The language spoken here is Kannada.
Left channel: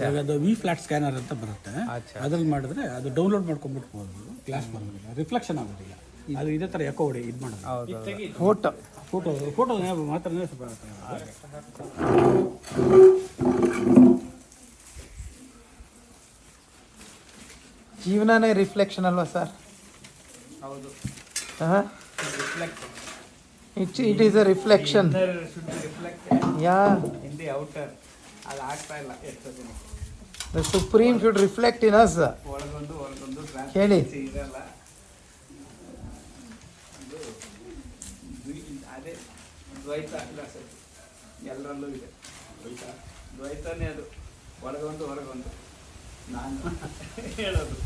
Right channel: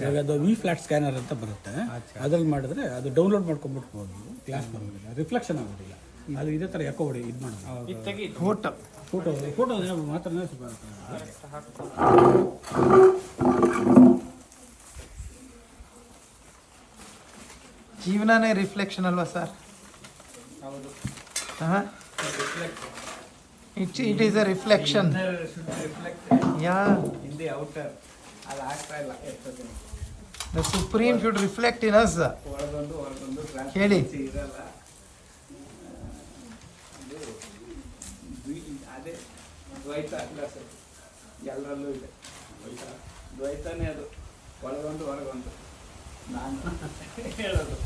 ಇವಾಗ ಅದು ವಿ ಫ್ಲಾಟ್ ಸ್ಕ್ಯಾನರ್ ಅಂತ ಬರುತ್ತೆ, ಅದ್ರಲ್ಲಿ ಮಾಡಿದ್ರೆ ಅದು ಡೌನ್ಲೋಡ್ ಮಾಡ್ಕೊಂಡ್ಬಿಟ್ಬೋದು, ಕ್ಲಾಸ್ ಬರೋದಿಲ್ಲ, ರಿಫ್ಲೆಕ್ಷನ್ ಆಗೋದಿಲ್ಲ. ಅದು ಇದೇ ಥರ ಎಕೋ ಹೊಡಿ ಇದು ಮಾಡೋದು. ಫೋಟೋ ಮಾತ್ರ ಜೀವನನೇ ರಿಫ್ಲೆಕ್ಷನ್ ಅಲ್ವಾ ಸರ್? ಹೌದು. It is a reflection. Yeah in the outer ಅಲ್ಲಿ ಆಗ್ತಾ ಇಲ್ಲ. The supreme should reflect in us. ಒಳಗೊಂದು ಹೇಳಿ. ಇದಲ್ಲ, ಅದೇ ದ್ವೈತ ಎಲ್ಲರಲ್ಲೂ ಇದೆ. ದ್ವೈತನೇ ಅದು, ಒಳಗೊಂದು ನಾನು ಹೇಳೋದು.